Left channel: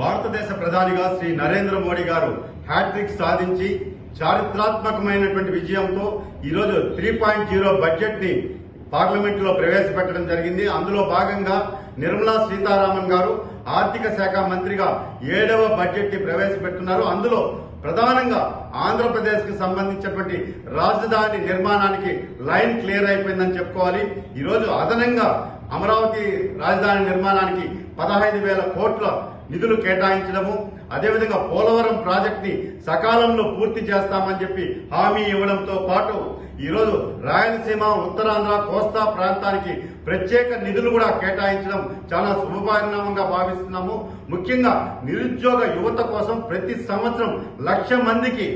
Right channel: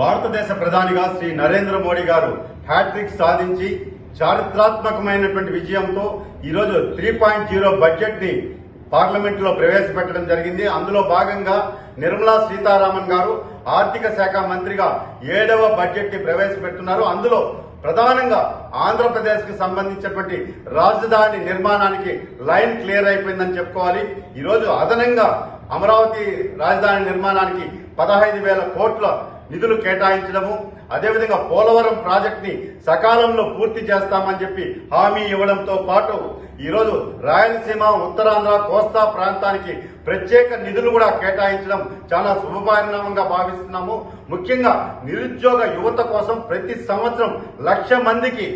భారతదేశ ప్రధానిగా శ్రీ నరేంద్ర మోడీ గారు హ్యాట్రిక్ సాధించి చారిత్రాత్మకమైనటువంటి విజయంతో ఈరోజు 3.0 బడ్జెట్ ని పార్లమెంట్ లో ప్రవేశపెట్టడం జరిగింది. అందులో భాగంగా నిర్మలా సీతారామన్ గారు ఆర్థిక శాఖ మంత్రిగా 7వ బడ్జెట్ ని ప్రవేశపెడుతున్నారు. అందులో ప్రధానంగా ఆంధ్రప్రదేశ్ కి సంబంధించినటువంటి రాజధాని నిర్మాణానికి లైన్ క్లియర్ అయిపోయిందని చెప్పుకోవాలి. ఈరోజు అదనంగా అమరావతి రాజధాని నిర్మాణానికి 15,000 కోట్ల నిధులు కేటాయించడము, అదేవిధంగా పోలవరం ప్రాజెక్ట్ ని సకాలంలో పూర్తి చేస్తామని చెప్పి హామీ ఇవ్వడంతో పాటు ఈరోజు రాయలసీమ, ఉత్తరాంధ్ర, కోస్తా ప్రాంతానికి ప్రత్యేక నిధులు కూడా కేటాయించడం చాలా శుభపరిణామంగా భావిస్తున్నాము. ముఖ్యంగా నిరుద్యోగ యువత కోసం ప్రతి సంవత్సరం 1,00,000 మందికి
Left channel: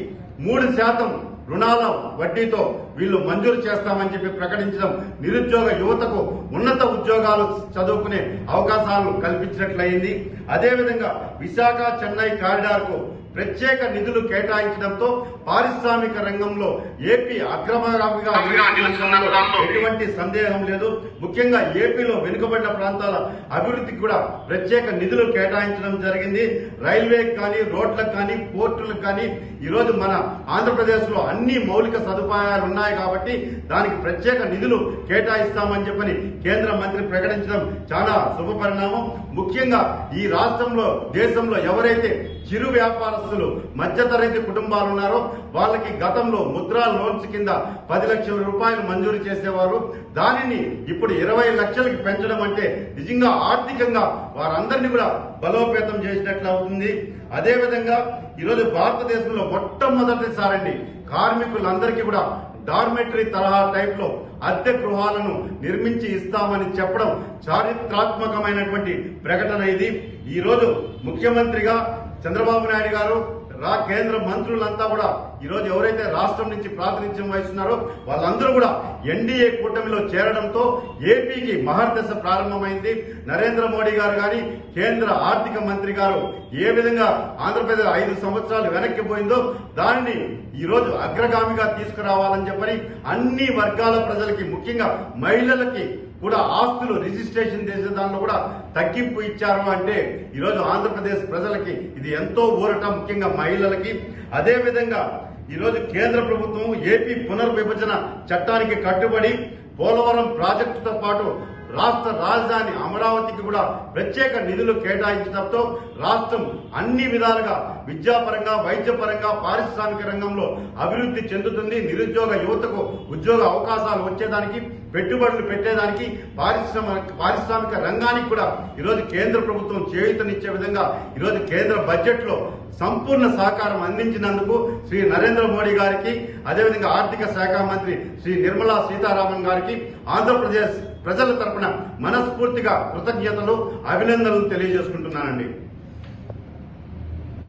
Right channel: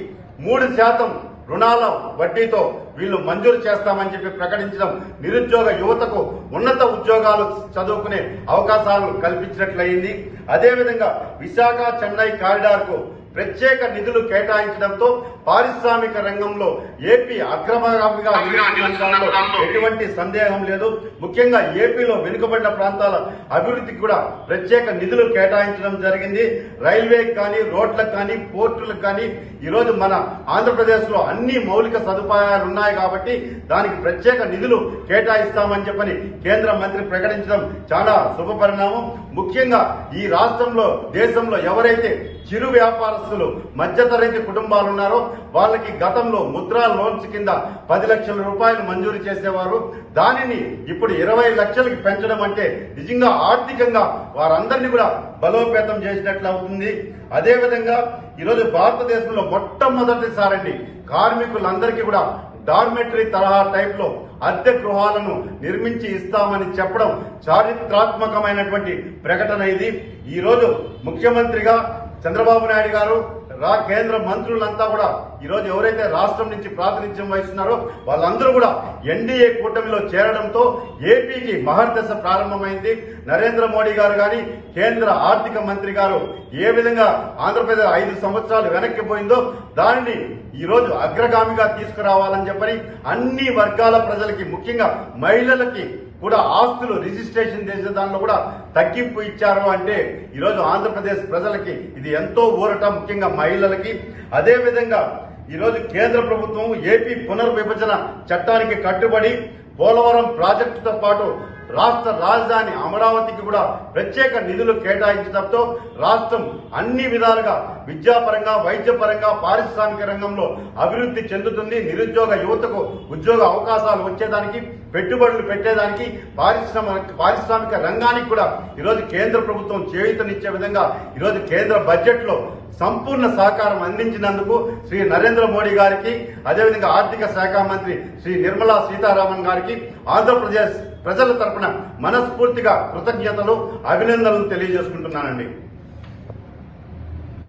3% రుణాల వడ్డీతో వీళ్లు మంజూరు చేస్తామని చెప్పి ప్రకటించడం నిరుద్యోగ యువతకు ఉన్నత ఉద్యోగాలు చదువుకునే అవకాశాలు కల్పించినట్లయింది. అదేవిధంగా విశాఖ చెన్నై కారిడార్ కు ప్రత్యేక నిధులు కేటాయించడంతో పారిశ్రామిక రంగంలో ఏపీ అగ్రగామిగా ఎటువంటి సందేహం లేదు. ముఖ్యంగా ఏపీలో వెనుకబడిన ప్రాంతాల అభివృద్ధికి కూడా ప్రత్యేక నిధులు కేటాయించడం జరిగింది. రైల్వేకి కానీ, రోడ్లకు కానీ, పోర్టులకు కానీ ఈరోజు మన ఆంధ్రప్రదేశ్ లో అన్ని మౌలిక సదుపాయాలు ఉన్నాయి కాబట్టి దానికి ప్రత్యేక నిధులు కేటాయిస్తామని చెప్పని కేంద్ర మంత్రి ప్రకటించడం చాలా శుభపరిణామం. ముఖ్యంగా ఈ రాష్ట్రంలో, దేశంలో ఎవరైతే చిరు వ్యాపారస్తులు, మధ్యతరగతి కుటుంబాలు ఉన్నారో వాళ్ళకి గతంలో ముద్రా లోన్స్ కింద 10 లక్షల రూపాయలు మంజూరు చేసేవారు. దానిని ఇప్పుడు 20 లక్షలకి పెంచడం అంటే నిజంగా ఆర్థికంగా వారందరినీ కూడా బలోపేతం చేసినట్లు అవుతుంది. అదేవిధంగా ఈరోజు భారతదేశంలో మొట్టమొదటిసారండి కార్మికులందరికీ కూడా డార్మెటరీ తరహా టైప్ లో అద్దె గృహాలను నిర్మించి ఇస్తామని చెప్పడం చారిత్రాత్మకమైనటువంటి ప్రకటన ఇది. ఈ రోజు ముఖ్యమంత్రిగా చంద్రబాబు నాయుడు గారు, కేంద్ర మంత్రులంతా కూడా ఈరోజు ఎవరైతే రాష్ట్రం నుంచి ప్రాతినిధ్యం వహిస్తున్నారో వాళ్ళందరూ కూడా ఎన్డీఏ కూటమిలో చేరడంతో ఏపీకి మహర్దశ ప్రారంభమైంది. నరేంద్ర మోడీ గారు గాని, కేంద్ర ఆర్థిక మంత్రి గారు ఏ విధంగా ఆంధ్రప్రదేశ్ 5 సంవత్సరాలు వెనక్కి పోయిందో దానిని ఈరోజు అగ్రగామిగా తీసుకురావాలని చెప్పని అన్ని వర్గాల ప్రజలకి, ముఖ్యంగా మహిళలకి కూడా ఆస్తులు రిజిస్ట్రేషన్ చేసే దానిలో కూడా తగ్గింపు ఇచ్చారు అంటే ఈరోజు ఆంధ్రప్రదేశ్ ప్రజలకి ఇది ఎంతో ఊరట, ముఖ్యంగా మహిళలకి. అదేవిధంగా ఈరోజు కేంద్ర ప్రభుత్వం ఏపీ పునర్విభజన చట్టానికి కట్టుబడి పోలవరం ప్రాజెక్టుతో పాటు రాష్ట్ర రాజధాని అమరావతికి కూడా ప్రత్యేక నిధులు కేటాయించడంతో రాష్ట్రం అన్ని విధాలుగా విద్యాపరంగా, వైద్యపరంగా, పారిశ్రామిక రంగంలో అభివృద్ధి చెందుతుంది. నిరుద్యోగ యువతకు ఉద్యోగ అవకాశాలు వచ్చేదానికి, పెట్టుబడులు పెట్టేదానికి, పారిశ్రామిక రంగానికి కూడా ఈరోజు కేంద్ర ప్రభుత్వం చేయూతనిచ్చే విధంగా ఈరోజు కేంద్ర బడ్జెట్ లో సంపూర్ణ సహకారం అందించినందుకు శ్రీ నరేంద్ర మోడీ గారికి, అదేవిధంగా ఆర్థిక శాఖ మంత్రి శ్రీ నిర్మలా సీతారామన్ గారికి ఆంధ్రప్రదేశ్ ప్రజల తరపున మనస్ఫూర్తిగా కృతజ్ఞతలు, అభినందనలు తెలియజేసుకుంటున్నానండి.